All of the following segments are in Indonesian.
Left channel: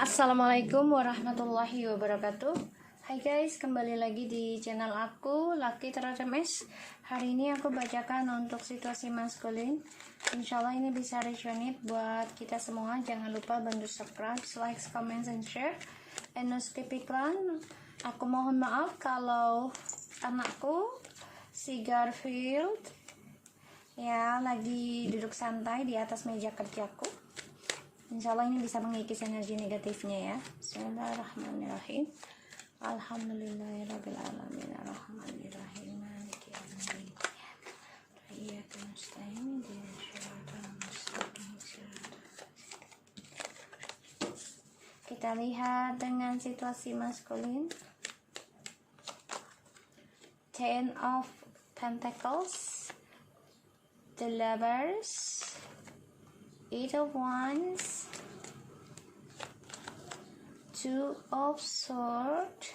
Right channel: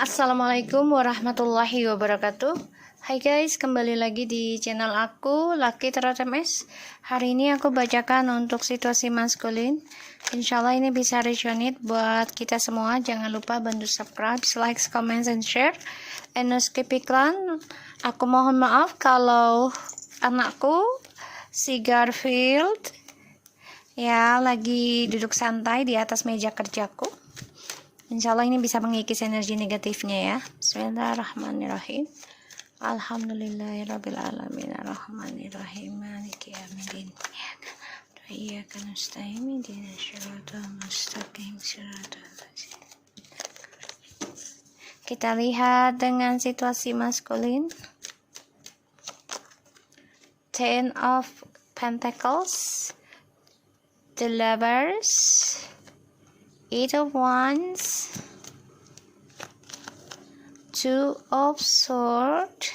Assalamualaikum warahmatullahi wabarakatuh. Hai guys, kembali lagi di channel aku Lucky Tarot MS. Hari ini aku bacakan untuk situasi maskulin. Insyaallah ini bisa resonate buat kita semua. Jangan lupa bantu subscribe, like, comment, and share. And no skip iklan. Aku mohon maaf kalau anakku si Garfield ya lagi duduk santai di atas meja kerjaku. Insya Allah ini bisa mengikis energi negatifnya ya. Bismillahirrahmanirrahim. Alhamdulillahirrabbilalamin. Arrahmanirrahim. Maliki yaumiddin. Iyyaka nasta'in. Ihdinas siratal mustaqim. Kita lihat dengan situasi maskulin. Ten of Pentacles, the Lovers, Eight of Wands, Two of Swords,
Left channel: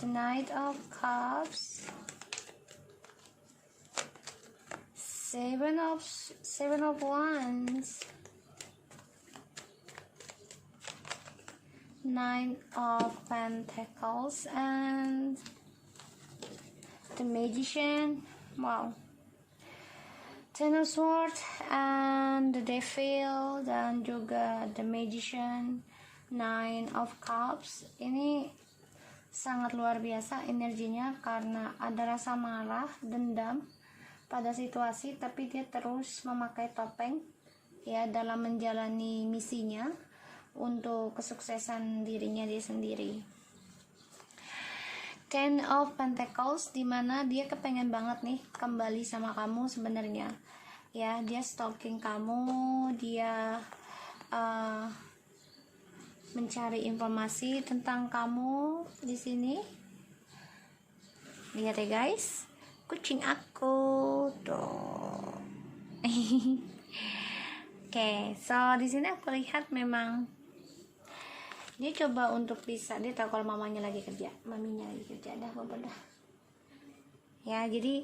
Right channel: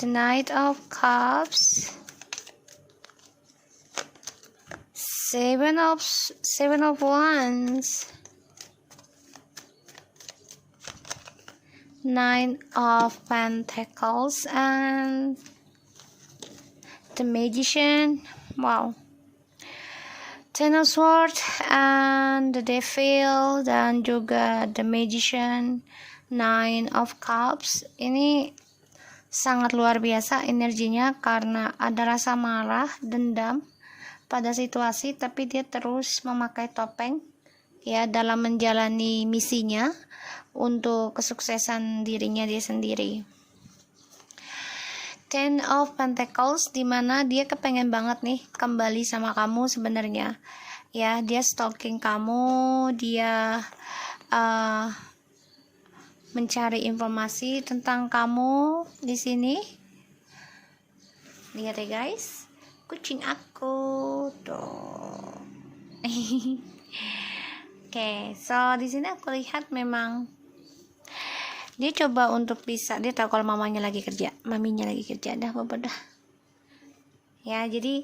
the Knight of Cups, Seven of Wands, Nine of Pentacles, and the Magician. Wow. Ten of Swords and the Devil dan juga the Magician, Nine of Cups. Ini sangat luar biasa energinya karena ada rasa marah, dendam pada situasi, tapi dia terus memakai topeng ya dalam menjalani misinya untuk kesuksesan dirinya dia sendiri. Ten of Pentacles, dimana dia kepengen banget nih kembali sama kamu sebenarnya ya. Dia stalking kamu, dia mencari informasi tentang kamu di sini. Lihat ya guys, kucing aku tuh. Oke, so di sini aku lihat memang dia coba untuk bisa, dia tahu kalau mamanya lagi kerja, maminya lagi kerja, dah bapak dah ya. Jadi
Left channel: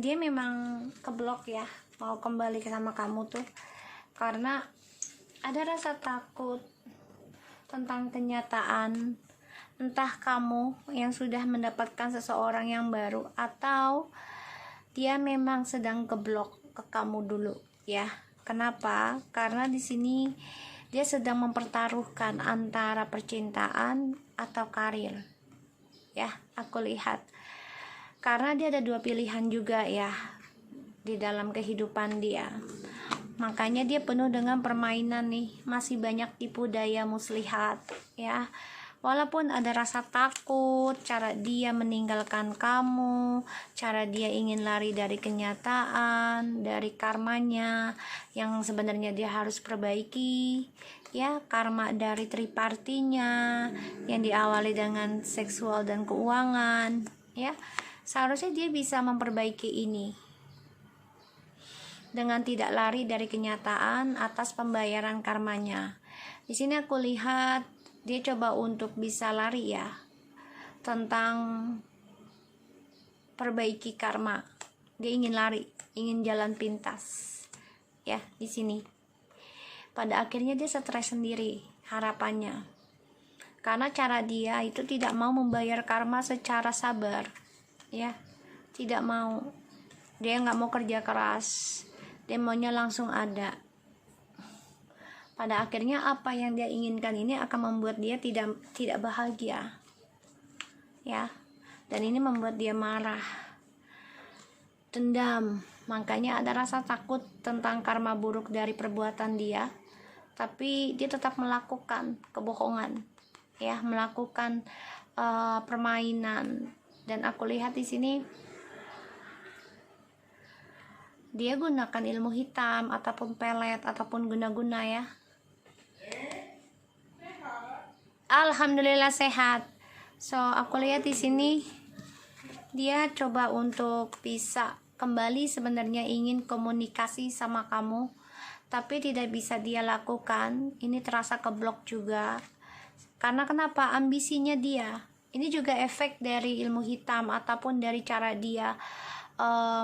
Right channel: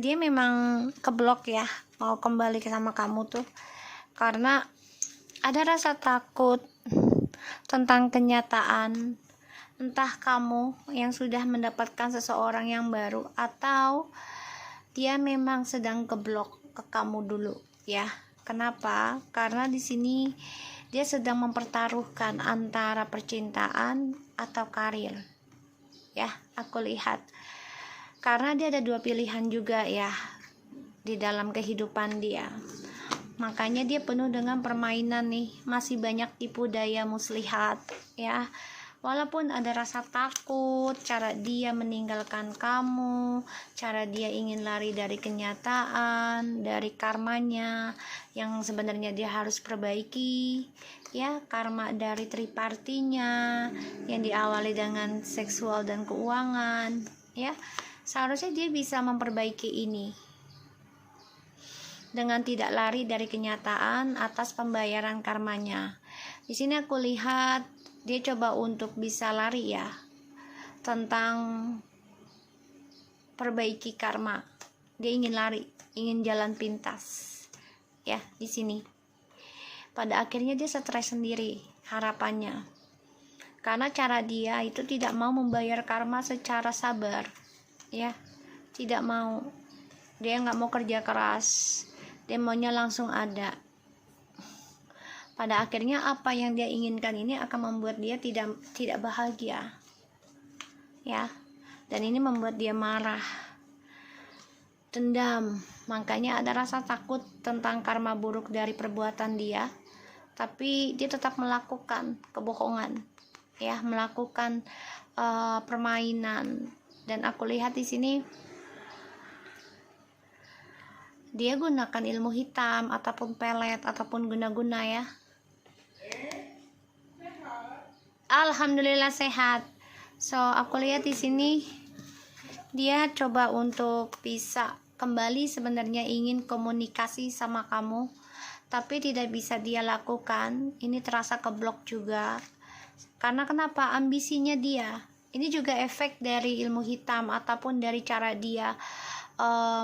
dia memang keblok ya mau kembali ke sama kamu tuh karena ada rasa takut tentang kenyataan, entah kamu yang sudah mendapatkan seseorang yang baru atau dia memang sedang keblok ke kamu dulu ya. Kenapa? Karena di sini dia sedang mempertaruhkan antara percintaan atau karir ya, aku lihat. Karena dia ada dua pilihan juga ya di dalam kehidupan dia. Makanya dia penuh dengan permainan nih, masih banyak tipu daya muslihat ya. Walaupun ada rasa takut, cara dia meninggalkan kamu, cara dia ingin lari dari kenyataan, dari karmanya yang sebenarnya dia harus perbaiki ya, karma dari tripartinya yang diawali dengan seksual dan keuangan ya. Seharusnya dia bisa memperbaiki ini dengan tidak lari dari kenyataan atas pembayaran karmanya. Di sini aku lihat dia coba untuk bisa lari ya tentang perbaiki karma. Dia ingin lari, ingin jalan pintas ya di sini. Pada akhirnya dia stres sendiri harapannya. Karena cara dia itu tidak mau membayar karma secara sabar ya. Tidak mau. Dia nggak mau kerja keras. Dia maunya langsung ada. Pada akhirnya apa yang dia inginkan ini akan membuat dia tidak bahagia ya, dan ini membuat dia marah, dendam. Makanya ada rasa takut tentang karma buruk dari perbuatan dia, tapi dia tetap melakukan kebohongan ya, melakukan permainan. Dan aku lihat di sini dia gunakan ilmu hitam ataupun pelet ataupun guna-guna ya. Alhamdulillah sehat. So aku lihat di sini dia coba untuk bisa kembali, sebenarnya ingin komunikasi sama kamu tapi tidak bisa dia lakukan. Ini terasa keblok juga. Karena kenapa? Ambisinya dia. Ini juga efek dari ilmu hitam ataupun dari cara dia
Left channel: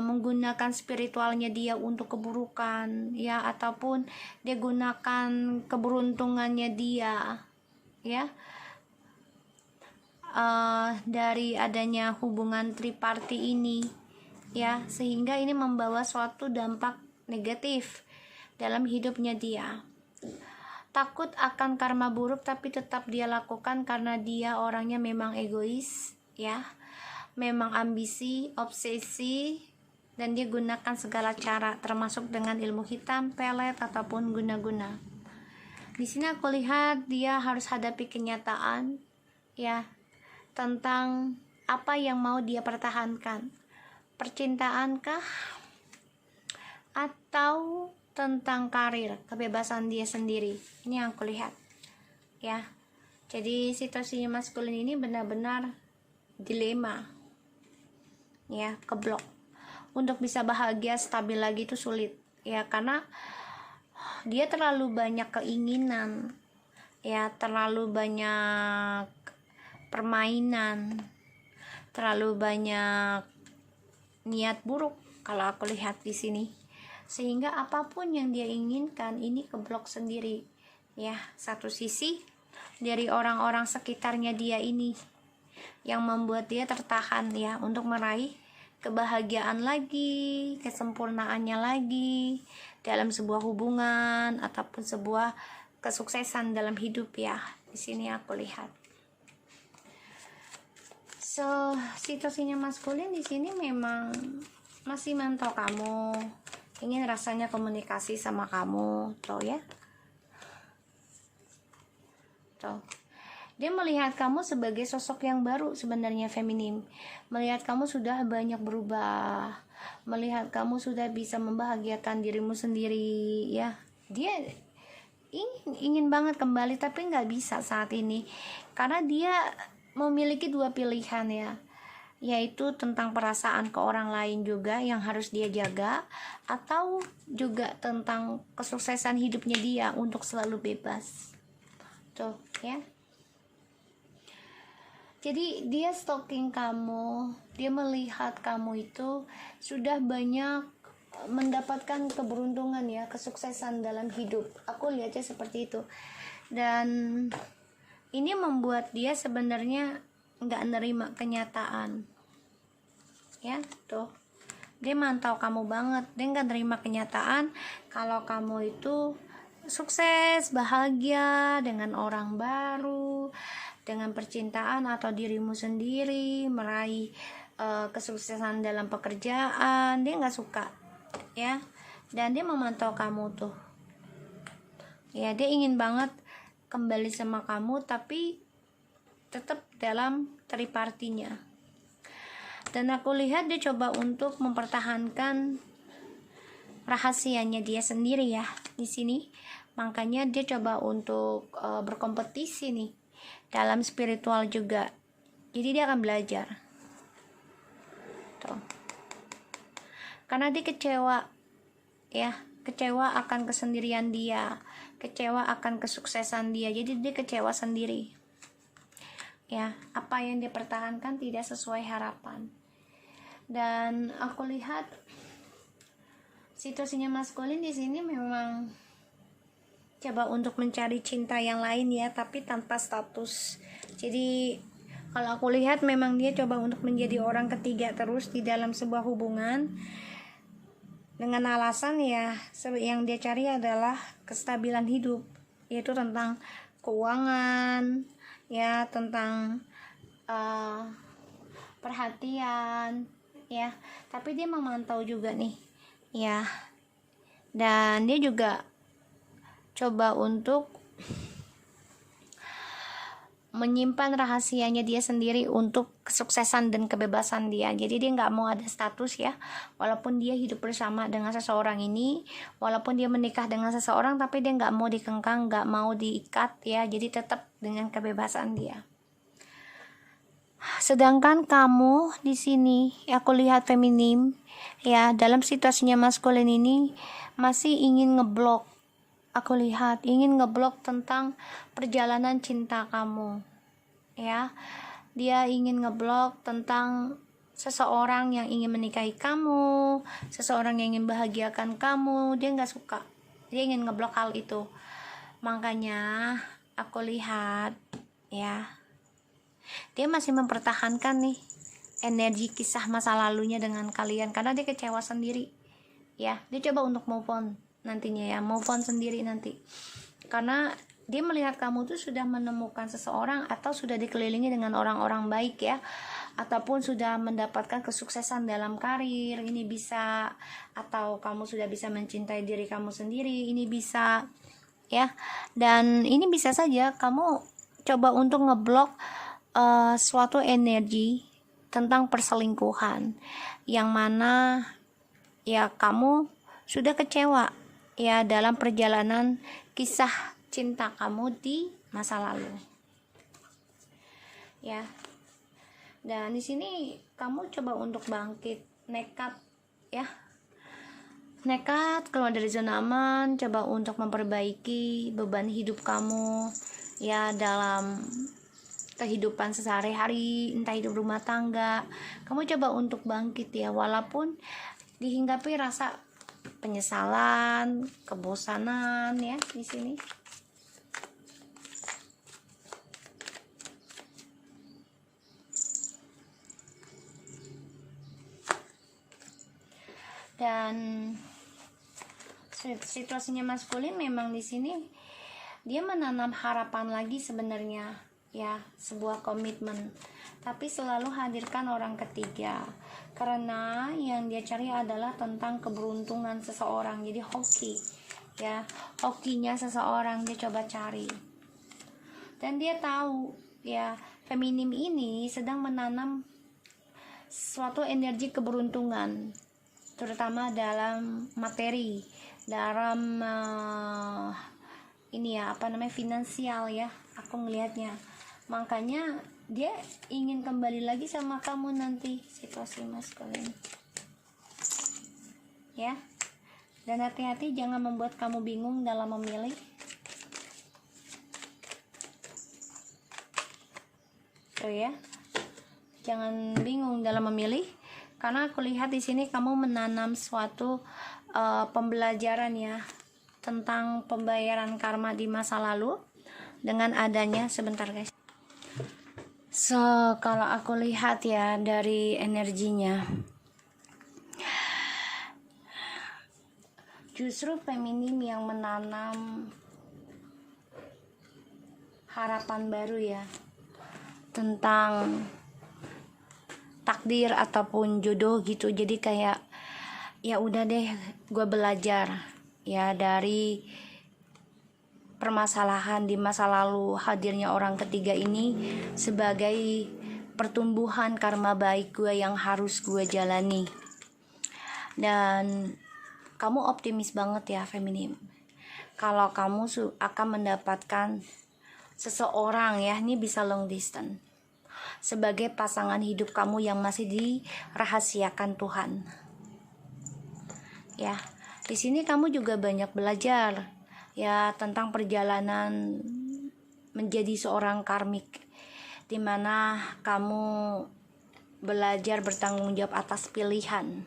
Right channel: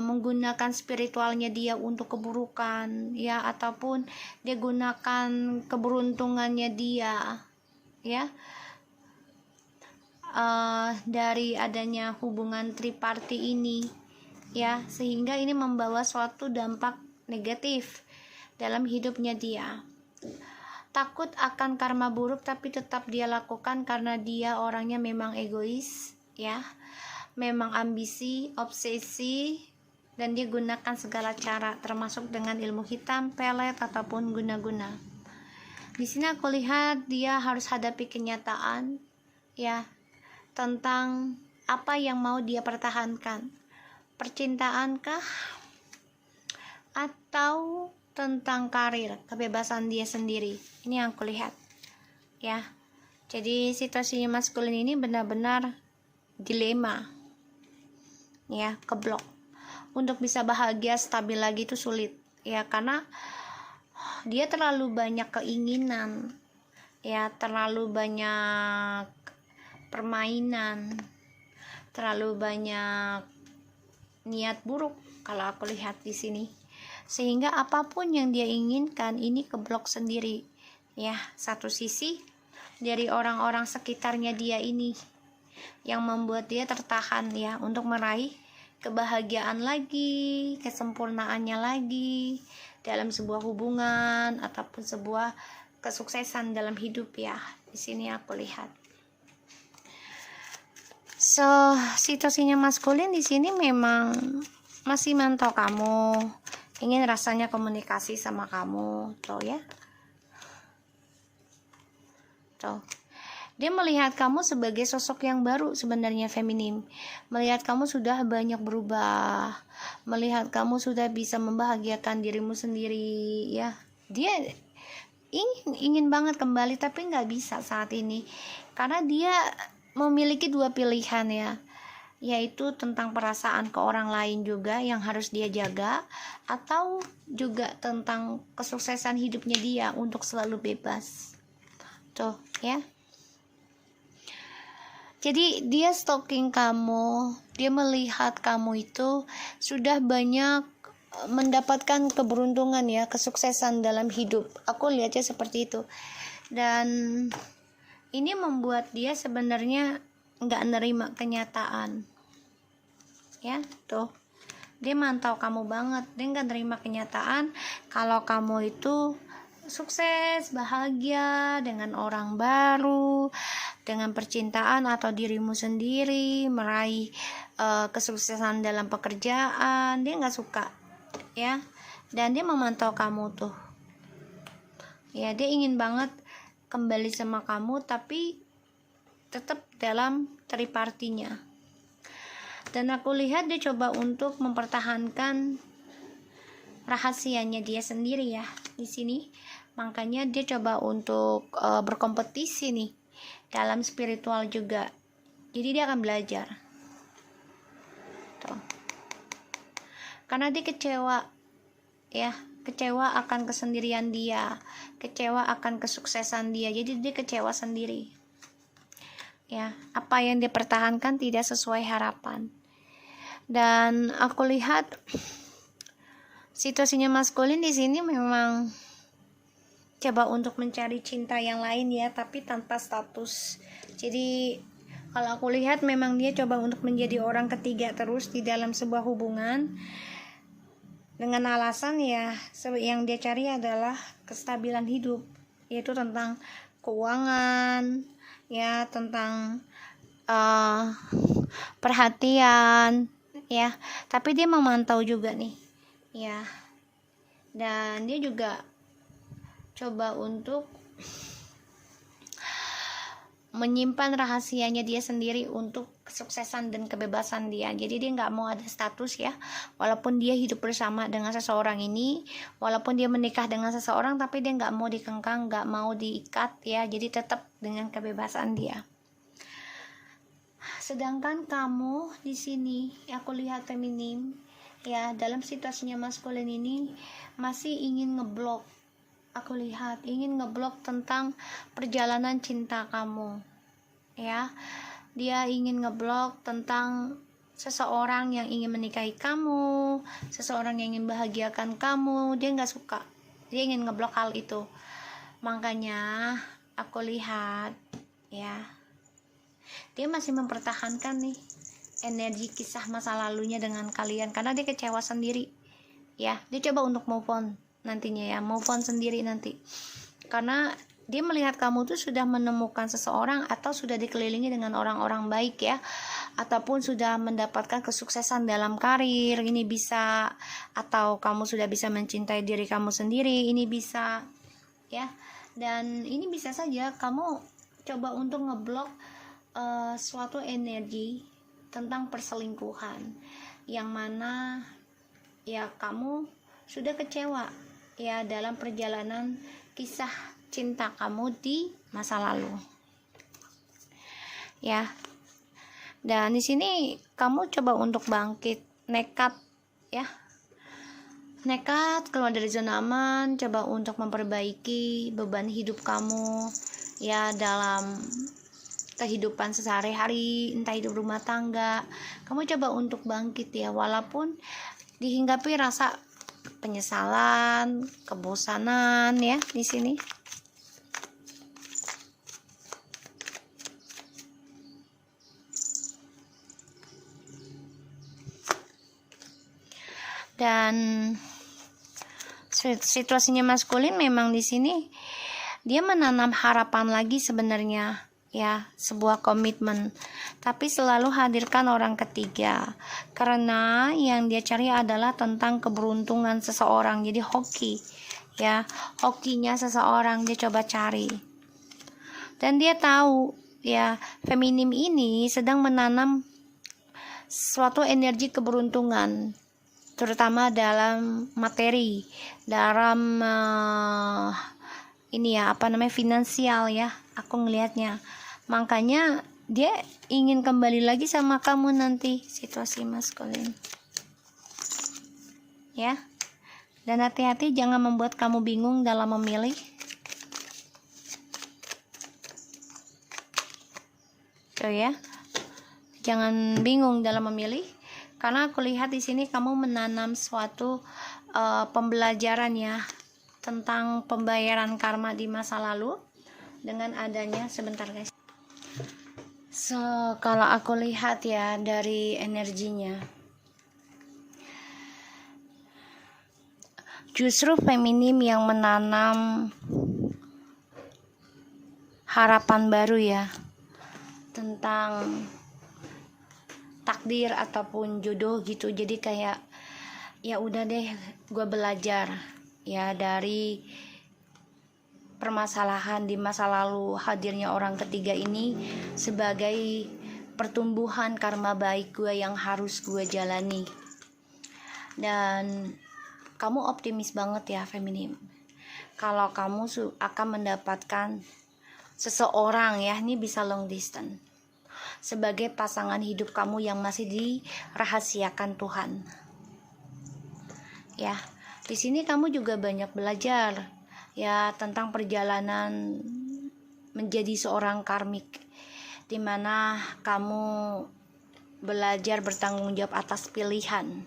menggunakan spiritualnya dia untuk keburukan ya, ataupun dia gunakan keberuntungannya dia ya, dari adanya hubungan triparti ini ya, sehingga ini membawa suatu dampak negatif dalam hidupnya dia. Takut akan karma buruk tapi tetap dia lakukan karena dia orangnya memang egois ya, memang ambisi, obsesi, dan dia gunakan segala cara termasuk dengan ilmu hitam, pelet, ataupun guna-guna. Di sini aku lihat dia harus hadapi kenyataan ya, tentang apa yang mau dia pertahankan, percintaankah atau tentang karir, kebebasan dia sendiri. Ini yang aku lihat ya. Jadi situasinya maskulin ini benar-benar dilema ya, keblok. Untuk bisa bahagia stabil lagi itu sulit ya, karena dia terlalu banyak keinginan ya, terlalu banyak permainan, terlalu banyak niat buruk kalau aku lihat di sini, sehingga apapun yang dia inginkan ini keblok sendiri ya. Satu sisi dari orang-orang sekitarnya dia ini yang membuat dia tertahan ya, untuk meraih kebahagiaan lagi, kesempurnaannya lagi dalam sebuah hubungan ataupun sebuah kesuksesan dalam hidup ya. Di sini aku lihat. So, situasinya maskulin di sini memang masih mantau kamu, ingin rasanya komunikasi sama kamu, tuh ya. Tuh. Dia melihat kamu sebagai sosok yang baru sebenarnya, feminim. Melihat kamu sudah banyak berubah, melihat kamu sudah bisa membahagiakan dirimu sendiri ya. Dia ingin banget kembali tapi nggak bisa saat ini, karena dia memiliki dua pilihan ya, yaitu tentang perasaan ke orang lain juga yang harus dia jaga, atau juga tentang kesuksesan hidupnya dia untuk selalu bebas. Tuh ya. Jadi dia stalking kamu, dia melihat kamu itu sudah banyak mendapatkan keberuntungan ya, kesuksesan dalam hidup. Aku lihatnya seperti itu. Dan ini membuat dia sebenarnya nggak nerima kenyataan ya. Tuh, dia mantau kamu banget, dia nggak nerima kenyataan kalau kamu itu sukses, bahagia dengan orang baru, dengan percintaan atau dirimu sendiri, meraih kesuksesan dalam pekerjaan. Dia nggak suka ya, dan dia memantau kamu tuh ya. Dia ingin banget kembali sama kamu tapi tetap dalam tripartinya, dan aku lihat dia coba untuk mempertahankan rahasianya dia sendiri ya di sini. Makanya dia coba untuk berkompetisi nih dalam spiritual juga. Jadi dia akan belajar tuh, karena dia kecewa ya, kecewa akan kesendirian dia, kecewa akan kesuksesan dia. Jadi dia kecewa sendiri ya, apa yang dia pertahankan tidak sesuai harapan. Dan aku lihat situasinya maskulin di sini memang coba untuk mencari cinta yang lain ya, tapi tanpa status. Jadi kalau aku lihat memang dia coba untuk menjadi orang ketiga terus di dalam sebuah hubungan, dengan alasan ya yang dia cari adalah kestabilan hidup, yaitu tentang keuangan ya, tentang perhatian ya. Tapi dia memantau juga nih ya, dan dia juga coba untuk menyimpan rahasianya dia sendiri untuk kesuksesan dan kebebasan dia. Jadi dia nggak mau ada status ya, walaupun dia hidup bersama dengan seseorang ini, walaupun dia menikah dengan seseorang, tapi dia nggak mau dikengkang, nggak mau diikat ya. Jadi tetap dengan kebebasan dia. Sedangkan kamu di sini, aku lihat feminim ya, dalam situasinya maskulin ini masih ingin ngeblok. Aku lihat ingin ngeblok tentang perjalanan cinta kamu ya. Dia ingin ngeblok tentang seseorang yang ingin menikahi kamu, seseorang yang ingin bahagiakan kamu, dia nggak suka, dia ingin ngeblok hal itu. Makanya aku lihat ya, dia masih mempertahankan nih energi kisah masa lalunya dengan kalian karena dia kecewa sendiri ya. Dia coba untuk move on nantinya ya, move on sendiri nanti, karena dia melihat kamu tuh sudah menemukan seseorang atau sudah dikelilingi dengan orang-orang baik ya, ataupun sudah mendapatkan kesuksesan dalam karir, ini bisa, atau kamu sudah bisa mencintai diri kamu sendiri, ini bisa ya. Dan ini bisa saja kamu coba untuk ngeblok suatu energi tentang perselingkuhan yang mana ya kamu sudah kecewa ya dalam perjalanan kisah cinta kamu di masa lalu ya. Dan di sini kamu coba untuk bangkit, nekat ya, nekat keluar dari zona aman, coba untuk memperbaiki beban hidup kamu ya dalam kehidupan sehari-hari, entah hidup rumah tangga. Kamu coba untuk bangkit ya, walaupun dihinggapi rasa penyesalan, kebosanan ya di sini. Dan situasinya maskulin memang di sini dia menanam harapan lagi sebenarnya ya, sebuah komitmen, tapi selalu hadirkan orang ketiga karena yang dia cari adalah tentang keberuntungan seseorang. Jadi hoki ya, hokinya seseorang dia coba cari, dan dia tahu ya feminim ini sedang menanam suatu energi keberuntungan, terutama dalam materi, dalam ini ya finansial ya, aku ngelihatnya. Makanya dia ingin kembali lagi sama kamu nanti, situasi maskulin ya. Dan hati-hati jangan membuat kamu bingung dalam memilih. Oh ya, jangan bingung dalam memilih, karena aku lihat di sini kamu menanam suatu pembelajaran ya tentang pembayaran karma di masa lalu dengan adanya, sebentar guys. So kalau aku lihat ya dari energinya, justru feminim yang menanam harapan baru ya tentang takdir ataupun jodoh gitu. Jadi kayak ya udah deh, gue belajar ya dari permasalahan di masa lalu, hadirnya orang ketiga ini sebagai pertumbuhan karma baik gue yang harus gue jalani. Dan kamu optimis banget ya feminim, kalau kamu akan mendapatkan seseorang ya, ini bisa long distance, sebagai pasangan hidup kamu yang masih dirahasiakan Tuhan ya. Di sini kamu juga banyak belajar ya tentang perjalanan menjadi seorang karmik, dimana kamu belajar bertanggung jawab atas pilihan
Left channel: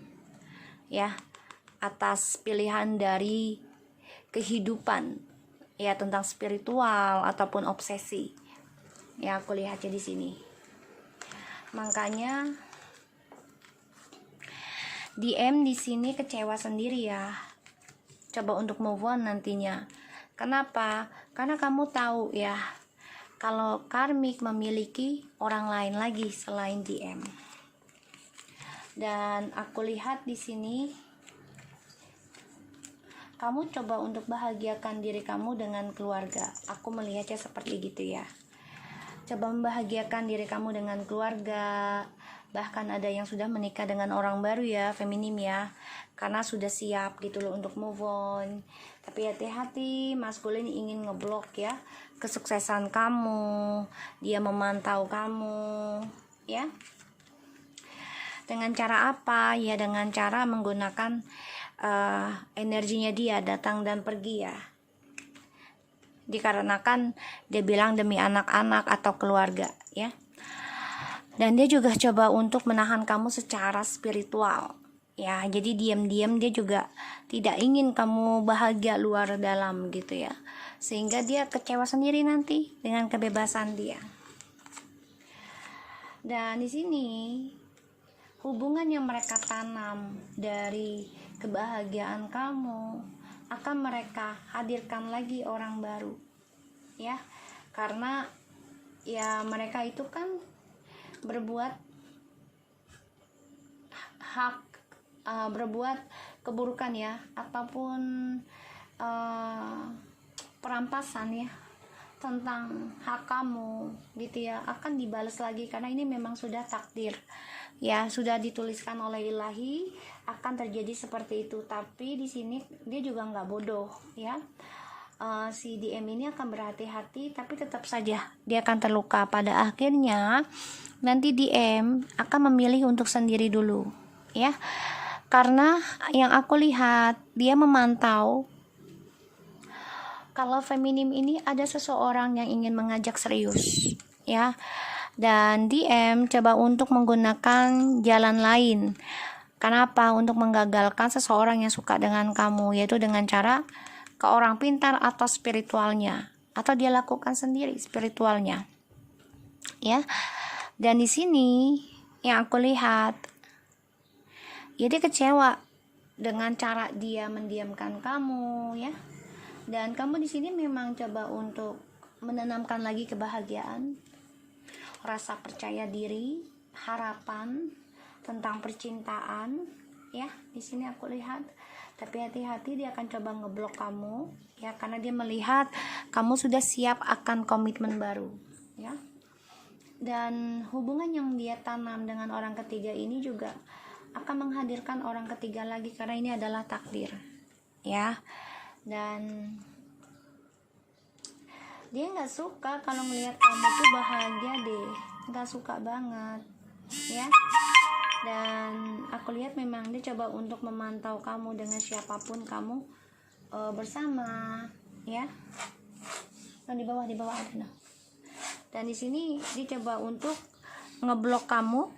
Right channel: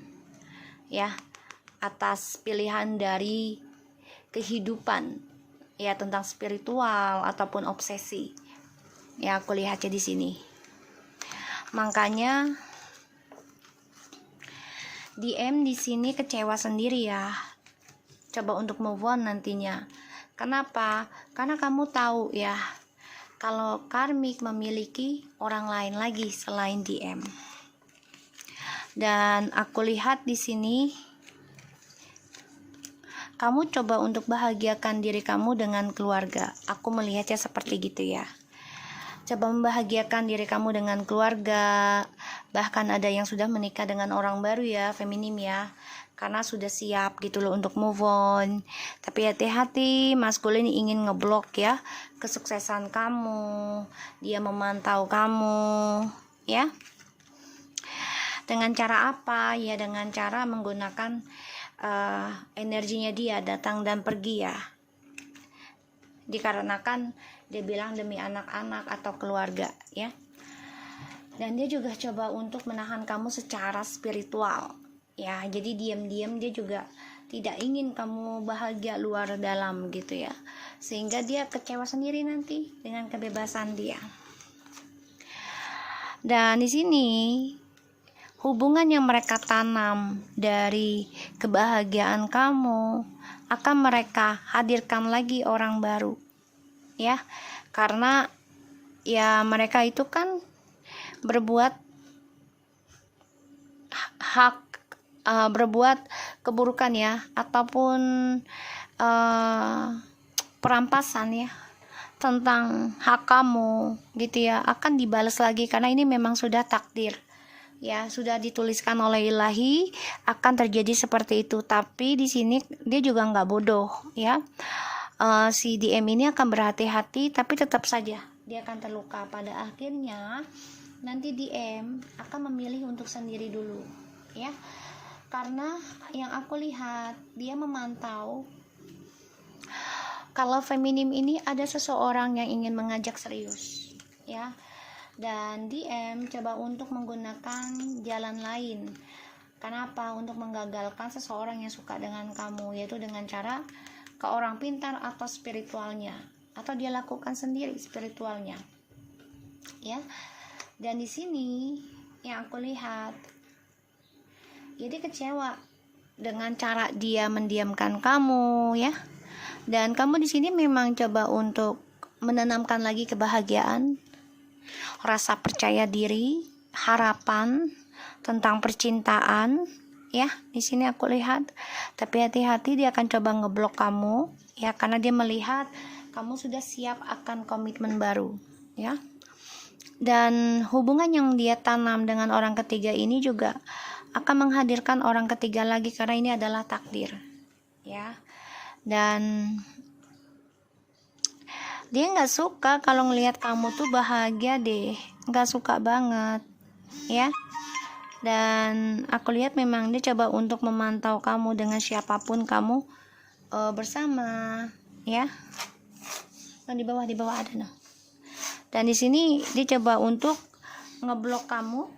ya, atas pilihan dari kehidupan ya, tentang spiritual ataupun obsesi ya, aku lihatnya di sini. Makanya DM di sini kecewa sendiri ya, coba untuk move on nantinya. Kenapa? Karena kamu tahu ya kalau karmik memiliki orang lain lagi selain DM. Dan aku lihat di sini kamu coba untuk bahagiakan diri kamu dengan keluarga. Aku melihatnya seperti gitu ya. Coba membahagiakan diri kamu dengan keluarga. Bahkan ada yang sudah menikah dengan orang baru ya, feminim ya, karena sudah siap gitu loh untuk move on. Tapi hati-hati, maskulin ingin ngeblok ya kesuksesan kamu. Dia memantau kamu ya. Dengan cara apa? Ya dengan cara menggunakan energinya dia datang dan pergi ya. Dikarenakan dia bilang demi anak-anak atau keluarga ya. Dan dia juga coba untuk menahan kamu secara spiritual. Ya, jadi diam-diam dia juga tidak ingin kamu bahagia luar dalam gitu ya. Sehingga dia kecewa sendiri nanti dengan kebebasan dia. Dan di sini hubungan yang mereka tanam dari kebahagiaan kamu akan mereka hadirkan lagi orang baru. Ya. Karena ya mereka itu kan berbuat berbuat keburukan ya, ataupun perampasan ya tentang hak kamu gitu ya, akan dibalas lagi karena ini memang sudah takdir ya, sudah dituliskan oleh ilahi akan terjadi seperti itu. Tapi di sini dia juga nggak bodoh ya. Si DM ini akan berhati-hati, tapi tetap saja dia akan terluka. Pada akhirnya nanti DM akan memilih untuk sendiri dulu ya, karena yang aku lihat dia memantau kalau feminim ini ada seseorang yang ingin mengajak serius ya, dan DM coba untuk menggunakan jalan lain. Kenapa? Untuk menggagalkan seseorang yang suka dengan kamu, yaitu dengan cara ke orang pintar atau spiritualnya, atau dia lakukan sendiri spiritualnya ya. Dan di sini yang aku lihat dia kecewa dengan cara dia mendiamkan kamu ya. Dan kamu di sini memang coba untuk menanamkan lagi kebahagiaan, rasa percaya diri, harapan tentang percintaan ya. Di sini aku lihat, tapi hati-hati dia akan coba ngeblok kamu ya, karena dia melihat kamu sudah siap akan komitmen baru ya. Dan hubungan yang dia tanam dengan orang ketiga ini juga akan menghadirkan orang ketiga lagi, karena ini adalah takdir ya. Dan dia nggak suka kalau ngelihat kamu tuh bahagia deh, nggak suka banget ya. Dan aku lihat memang dia coba untuk memantau kamu dengan siapapun kamu bersama ya. Dan di bawah ada nah. Dan di sini dia coba untuk ngeblok kamu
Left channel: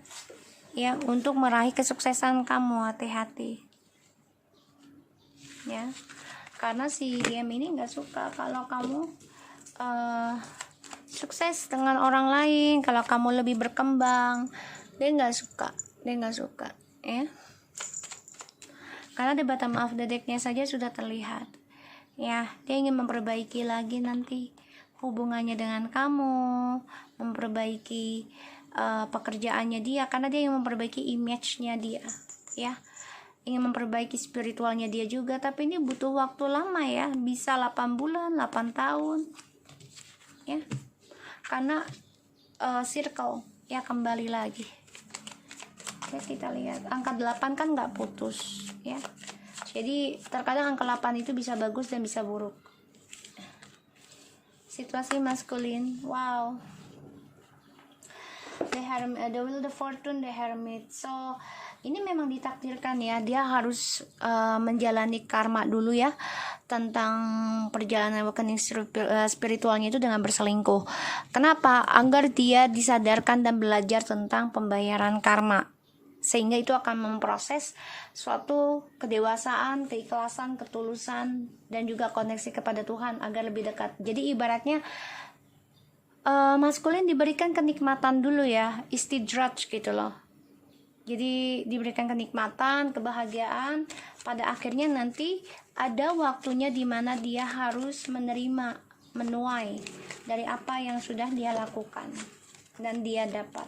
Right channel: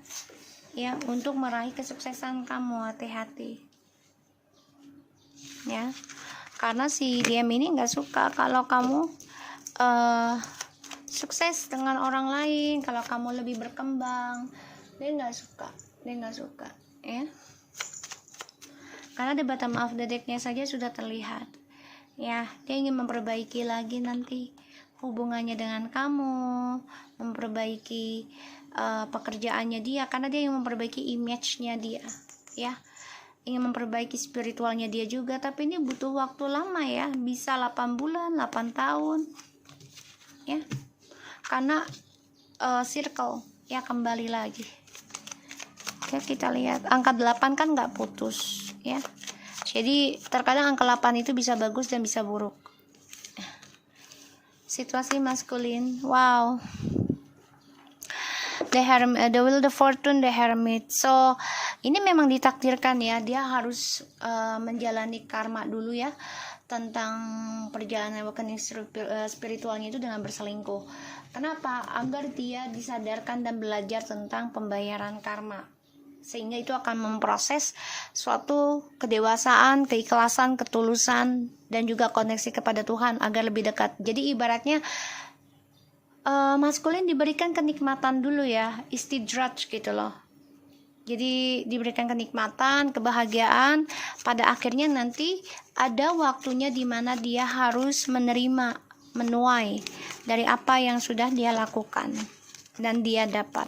ya, untuk meraih kesuksesan kamu. Hati-hati ya, karena si DM ini nggak suka kalau kamu sukses dengan orang lain, kalau kamu lebih berkembang. Dia nggak suka ya, karena di bottom of the decknya saja sudah terlihat ya. Dia ingin memperbaiki lagi nanti hubungannya dengan kamu, memperbaiki pekerjaannya dia, karena dia ingin memperbaiki image-nya dia ya, ingin memperbaiki spiritualnya dia juga. Tapi ini butuh waktu lama ya, bisa 8 bulan 8 tahun ya, karena circle ya, kembali lagi ya. Kita lihat angka 8 kan nggak putus ya, jadi terkadang angka 8 itu bisa bagus dan bisa buruk. Situasi maskulin, wow, the Wheel of Fortune, the Hermit. So ini memang ditakdirkan ya, dia harus menjalani karma dulu ya, tentang perjalanan awakening spiritualnya itu dengan berselingkuh. Kenapa? Agar dia disadarkan dan belajar tentang pembayaran karma, sehingga itu akan memproses suatu kedewasaan, keikhlasan, ketulusan, dan juga koneksi kepada Tuhan agar lebih dekat. Jadi ibaratnya maskulin diberikan kenikmatan dulu ya, istidraj gitu loh. Jadi diberikan kenikmatan, kebahagiaan, pada akhirnya nanti ada waktunya di mana dia harus menerima, menuai dari apa yang sudah dia lakukan dan dia dapat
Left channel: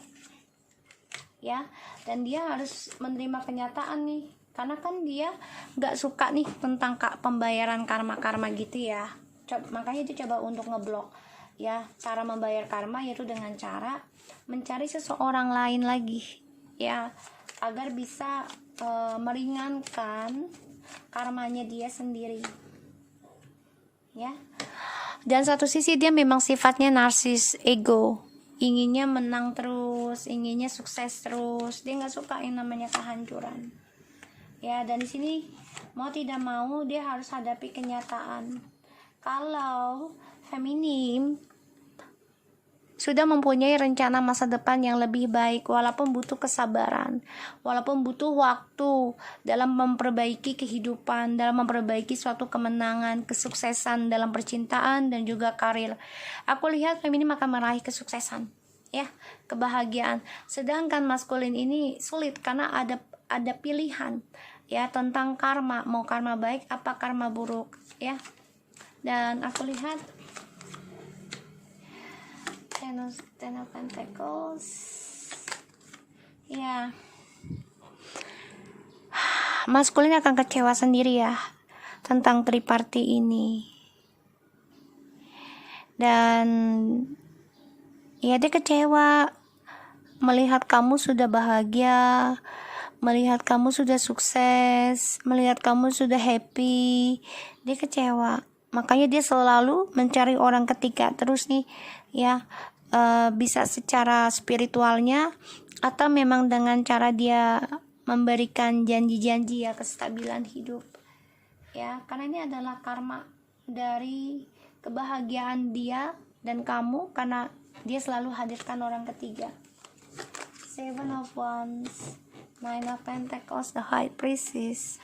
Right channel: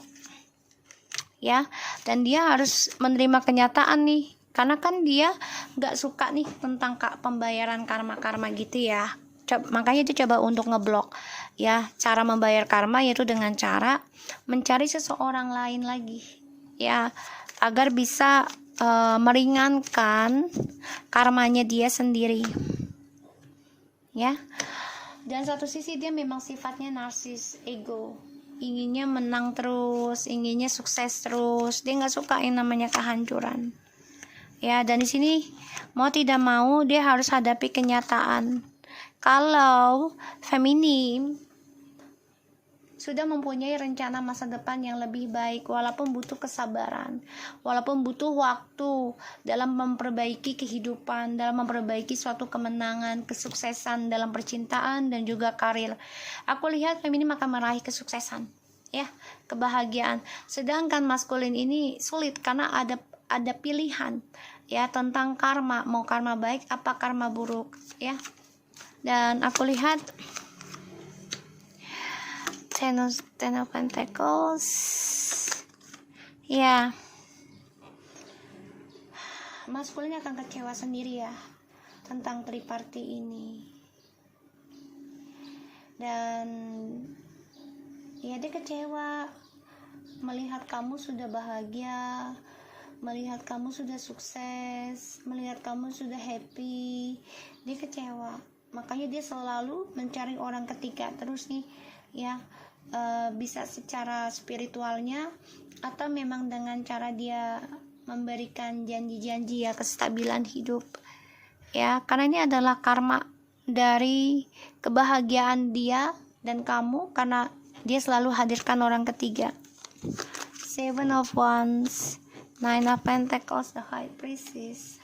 ya. Dan dia harus menerima kenyataan nih, karena kan dia nggak suka nih tentang pembayaran karma gitu ya. Makanya dia coba untuk ngeblok ya. Cara membayar karma yaitu dengan cara mencari seseorang lain lagi ya, agar bisa meringankan karmanya dia sendiri ya. Dan satu sisi dia memang sifatnya narsis, ego, inginnya menang terus, inginnya sukses terus. Dia nggak suka yang namanya kehancuran ya. Dan di sini mau tidak mau dia harus hadapi kenyataan kalau feminim sudah mempunyai rencana masa depan yang lebih baik, walaupun butuh kesabaran, walaupun butuh waktu dalam memperbaiki kehidupan, dalam memperbaiki suatu kemenangan, kesuksesan dalam percintaan dan juga karir. Aku lihat feminim akan meraih kesuksesan, ya, kebahagiaan. Sedangkan maskulin ini sulit karena ada pilihan, ya, tentang karma, mau karma baik apa karma buruk, ya. Dan aku lihat Ten of Pentacles, ya, maskulin akan kecewa sendiri ya tentang triparty ini. Dan ya, dia kecewa melihat kamu sudah bahagia, melihat kamu sudah sukses, melihat kamu sudah happy. Dia kecewa, makanya dia selalu mencari orang ketiga terus nih, ya. Bisa secara spiritualnya atau memang dengan cara dia memberikan janji-janji, ya, kestabilan hidup, ya, karena ini adalah karma dari kebahagiaan dia dan kamu, karena dia selalu hadirkan orang ketiga. Seven of Wands, Nine of Pentacles, the High Priestess.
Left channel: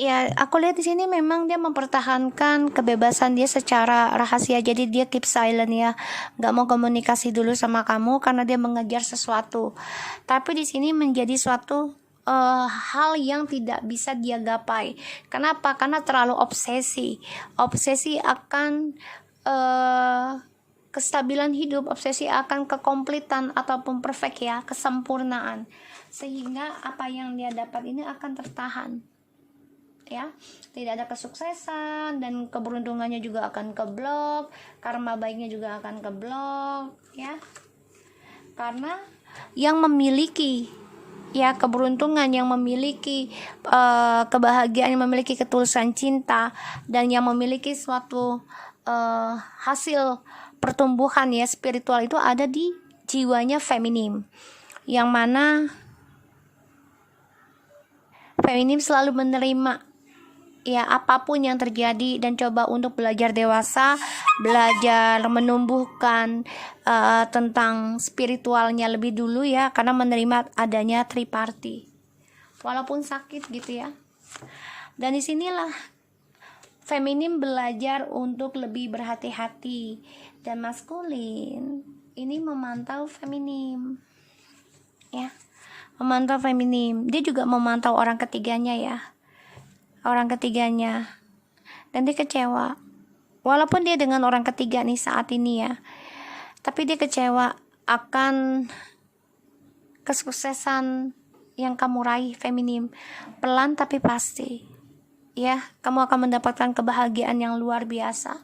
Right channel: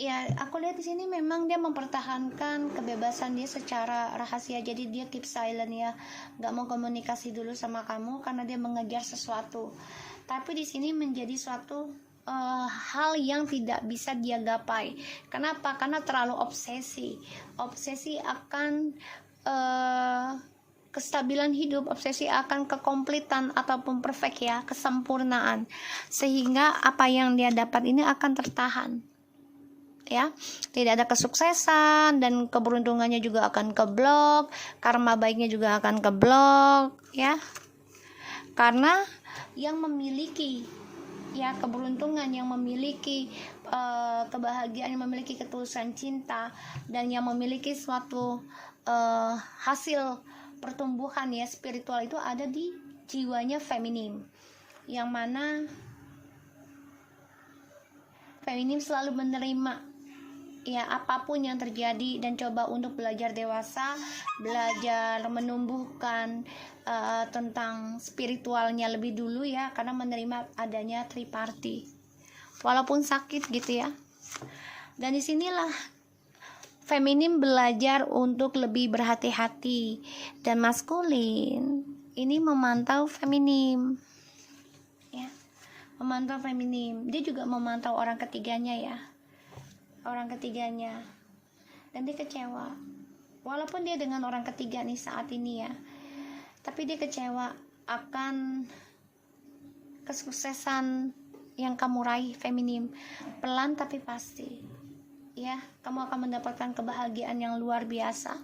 Ya, aku lihat di sini memang dia mempertahankan kebebasan dia secara rahasia. Jadi dia keep silent, ya, nggak mau komunikasi dulu sama kamu karena dia mengejar sesuatu. Tapi di sini menjadi suatu hal yang tidak bisa dia gapai. Kenapa? Karena terlalu obsesi akan kestabilan hidup, obsesi akan kekompletan ataupun perfect, ya, kesempurnaan, sehingga apa yang dia dapat ini akan tertahan, ya, tidak ada kesuksesan dan keberuntungannya juga akan keblok, karma baiknya juga akan keblok, ya, karena yang memiliki, ya, keberuntungan, yang memiliki kebahagiaan, yang memiliki ketulusan cinta dan yang memiliki suatu hasil pertumbuhan, ya, spiritual itu ada di jiwanya feminim, yang mana feminim selalu menerima, ya, apapun yang terjadi dan coba untuk belajar dewasa, belajar menumbuhkan tentang spiritualnya lebih dulu, ya, karena menerima adanya triparty walaupun sakit gitu, ya. Dan disinilah feminim belajar untuk lebih berhati-hati, dan maskulin ini memantau feminim, ya, memantau feminim. Dia juga memantau orang ketiganya, ya, orang ketiganya, dan dia kecewa walaupun dia dengan orang ketiga nih saat ini, ya, tapi dia kecewa akan kesuksesan yang kamu raih feminim. Pelan tapi pasti, ya, kamu akan mendapatkan kebahagiaan yang luar biasa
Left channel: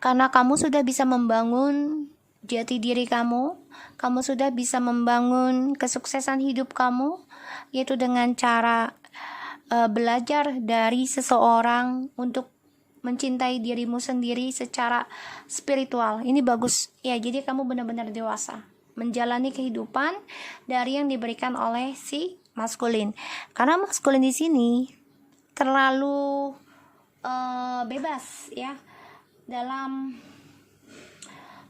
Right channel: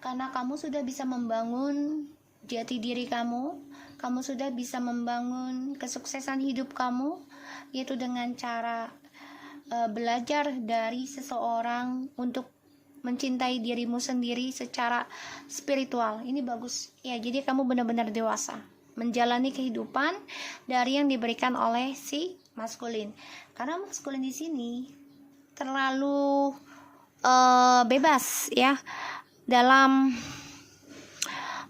karena kamu sudah bisa membangun jati diri kamu sudah bisa membangun kesuksesan hidup kamu, yaitu dengan cara belajar dari seseorang untuk mencintai dirimu sendiri secara spiritual. Ini bagus, ya, jadi kamu benar-benar dewasa menjalani kehidupan dari yang diberikan oleh si maskulin. Karena maskulin di sini terlalu bebas, ya, dalam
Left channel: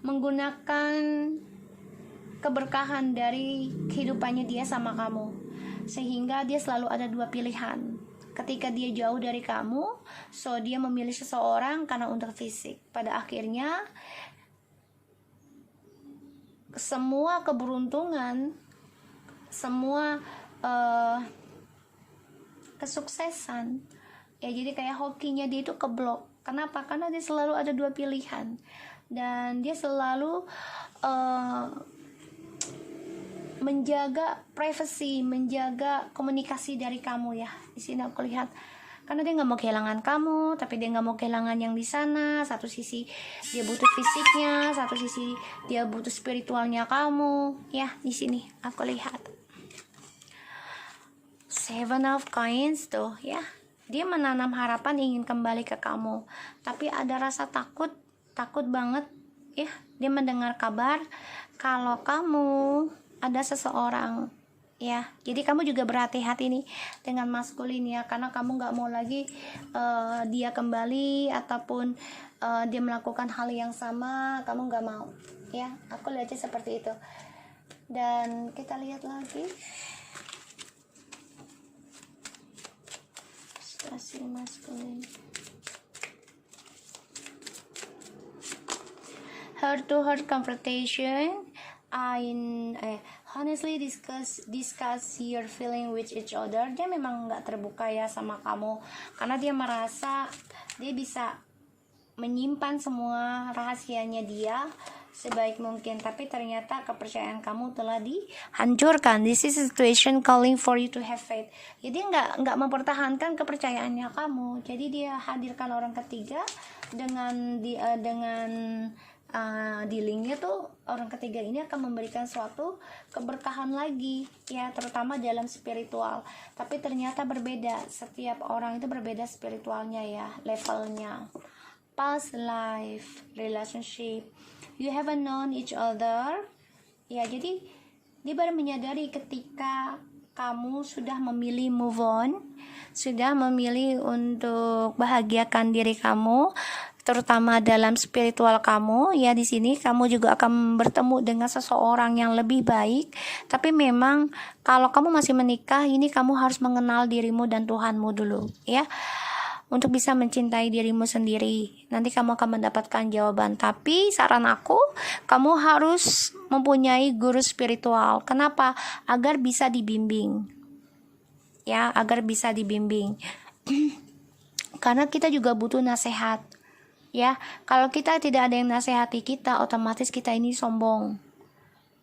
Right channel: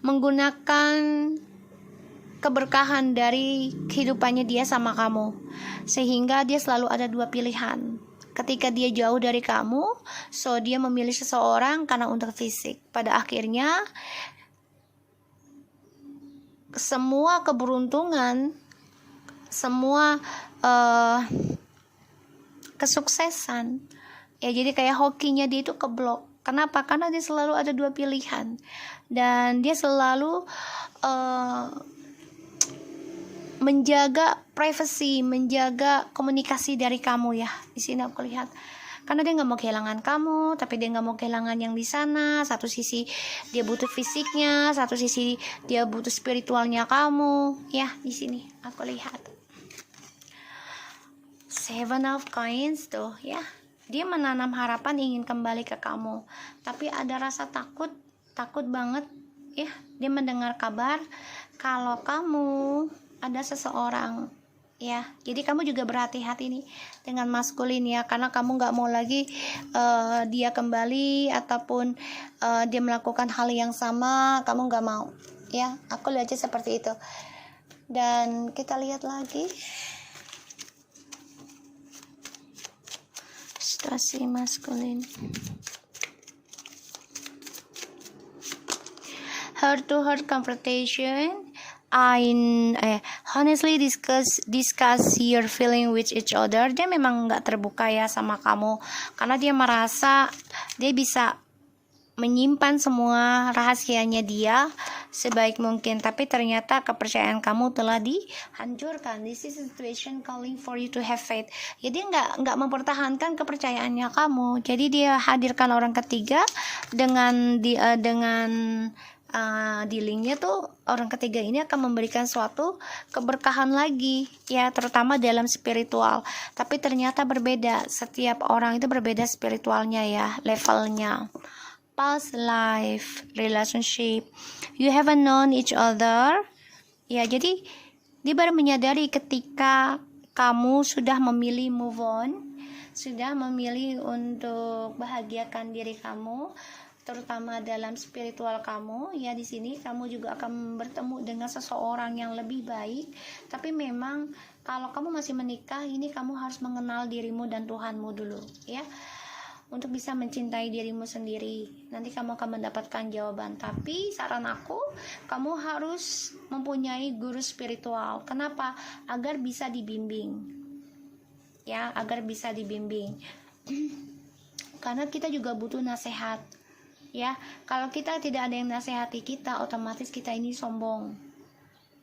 menggunakan keberkahan dari kehidupannya dia sama kamu, sehingga dia selalu ada dua pilihan. Ketika dia jauh dari kamu, so dia memilih seseorang karena untuk fisik. Pada akhirnya semua keberuntungan, semua kesuksesan, ya, jadi kayak hokinya dia itu keblok. Kenapa? Karena dia selalu ada dua pilihan, dan dia selalu menjaga privasi, menjaga komunikasi dari kamu, ya. Di sini aku lihat, karena dia nggak mau kehilangan kamu, tapi dia nggak mau kehilangan yang di sana. Satu sisi dia butuh fisiknya, satu sisi dia butuh spiritualnya kamu, ya. Di sini aku lihat Seven of Coins tuh, ya, dia menanam harapan ingin kembali ke kamu, tapi ada rasa takut banget, ya. Dia mendengar kabar kalau kamu ada seseorang ya. Jadi kamu juga berhati-hati nih dengan maskulin ya, karena kamu nggak mau lagi dia kembali ataupun dia melakukan hal yang sama, kamu nggak mau ya. Aku lihat aja seperti itu. Dan kita lihat lagi situasi maskulin. Heart to heart confrontation. Honestly discuss your feeling with each other. Dia memang nggak terbuka ya sama kamu, karena dia merasa dia bisa menyimpan semua rahasianya dia sebaik mungkin, tapi ternyata kepercayaan kamu telah dihancurkan. This is a situation calling for you to have faith. Jadi nggak mempertahankan kepercayaannya kamu. Jadi dia hadirkan orang ketiga dengan dealingnya tuh orang ketiga ini akan memberikan suatu keberkahan lagi ya, terutama dalam spiritual. Tapi ternyata berbeda, setiap orang itu berbeda spiritualnya ya, levelnya. Past life relationship, you haven't known each other ya. Jadi dia baru menyadari ketika kamu sudah memilih move on, sudah memilih untuk bahagiakan diri kamu, terutama dalam spiritual kamu ya. Di sini kamu juga akan bertemu dengan seseorang yang lebih baik. Tapi memang kalau kamu masih menikah, ini kamu harus mengenal dirimu dan Tuhanmu dulu ya, untuk bisa mencintai dirimu sendiri. Nanti kamu akan mendapatkan jawaban. Tapi saran aku, kamu harus mempunyai guru spiritual. Kenapa? Agar bisa dibimbing ya, agar bisa dibimbing. Karena kita juga butuh nasihat ya. Kalau kita tidak ada yang nasihati kita, otomatis kita ini sombong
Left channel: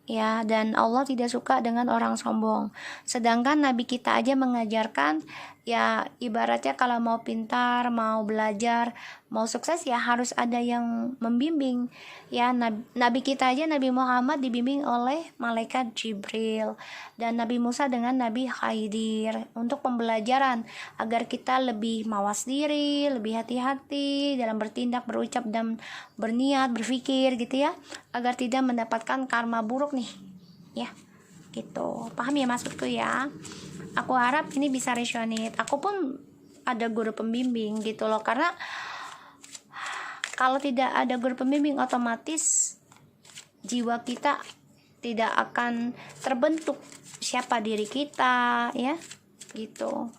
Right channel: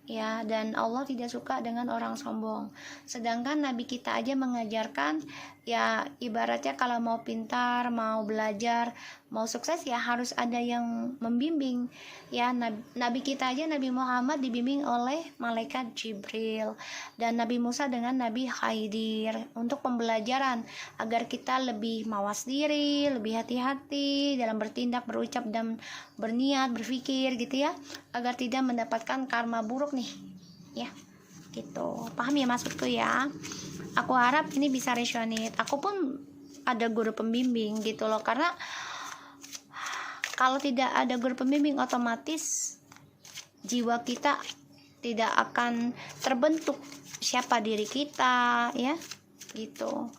ya, dan Allah tidak suka dengan orang sombong. Sedangkan Nabi kita aja mengajarkan ya, ibaratnya kalau mau pintar, mau belajar, mau sukses ya harus ada yang membimbing ya. Nabi kita aja, Nabi Muhammad, dibimbing oleh malaikat Jibril, dan Nabi Musa dengan Nabi Khidir untuk pembelajaran agar kita lebih mawas diri, lebih hati-hati dalam bertindak, berucap, dan berniat, berpikir gitu ya, agar tidak mendapatkan karma buruk nih ya, gitu. Paham ya maksudku ya? Aku harap ini bisa resonate. Aku pun ada guru pembimbing gitu loh, karena kalau tidak ada guru pembimbing, otomatis jiwa kita tidak akan terbentuk siapa diri kita ya, gitu.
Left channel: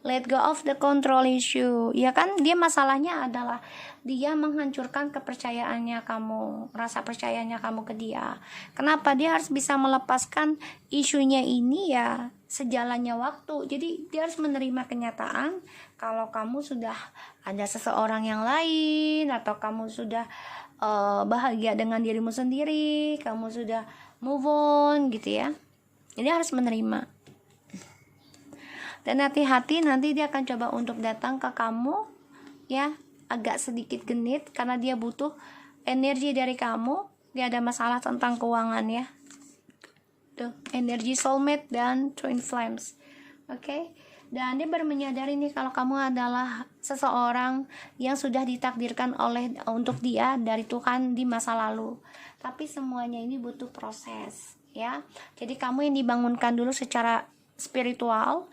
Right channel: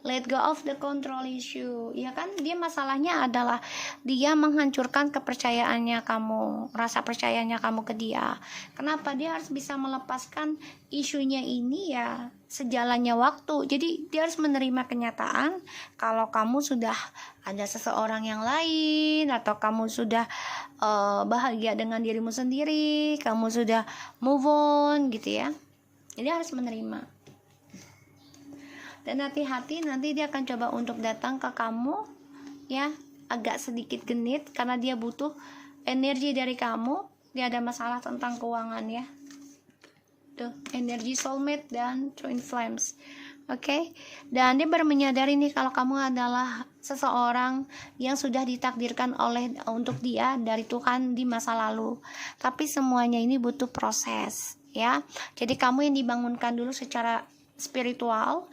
Let go of the control issue ya kan. Dia masalahnya adalah dia menghancurkan kepercayaannya kamu, rasa percayanya kamu ke dia. Kenapa? Dia harus bisa melepaskan isunya ini ya, sejalannya waktu. Jadi dia harus menerima kenyataan kalau kamu sudah ada seseorang yang lain, atau kamu sudah bahagia dengan dirimu sendiri, kamu sudah move on gitu ya. Jadi harus menerima. Dan hati-hati, nanti dia akan coba untuk datang ke kamu ya, agak sedikit genit karena dia butuh energi dari kamu. Dia ada masalah tentang keuangan ya. Tuh, energi soulmate dan twin flames. Oke. Dan dia baru menyadari nih kalau kamu adalah seseorang yang sudah ditakdirkan untuk dia dari Tuhan di masa lalu. Tapi semuanya ini butuh proses ya. Jadi kamu yang dibangunkan dulu secara spiritual.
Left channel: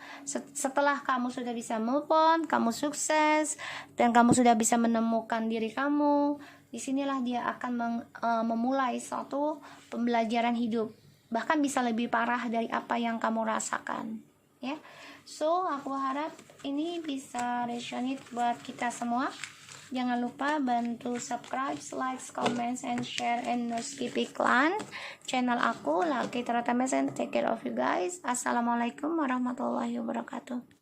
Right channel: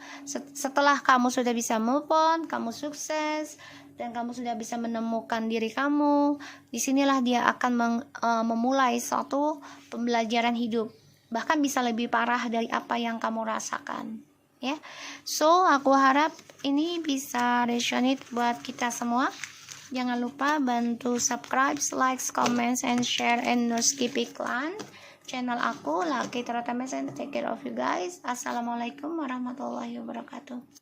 Setelah kamu sudah bisa move on, kamu sukses, dan kamu sudah bisa menemukan diri kamu, disinilah dia akan memulai suatu pembelajaran hidup, bahkan bisa lebih parah dari apa yang kamu rasakan ya. So aku harap ini bisa resonate buat kita semua. Jangan lupa bantu subscribe, like, comments, and share, and no skip iklan channel aku, Lucky Terata Mesen. Take care of you guys. Assalamualaikum warahmatullahi wabarakatuh.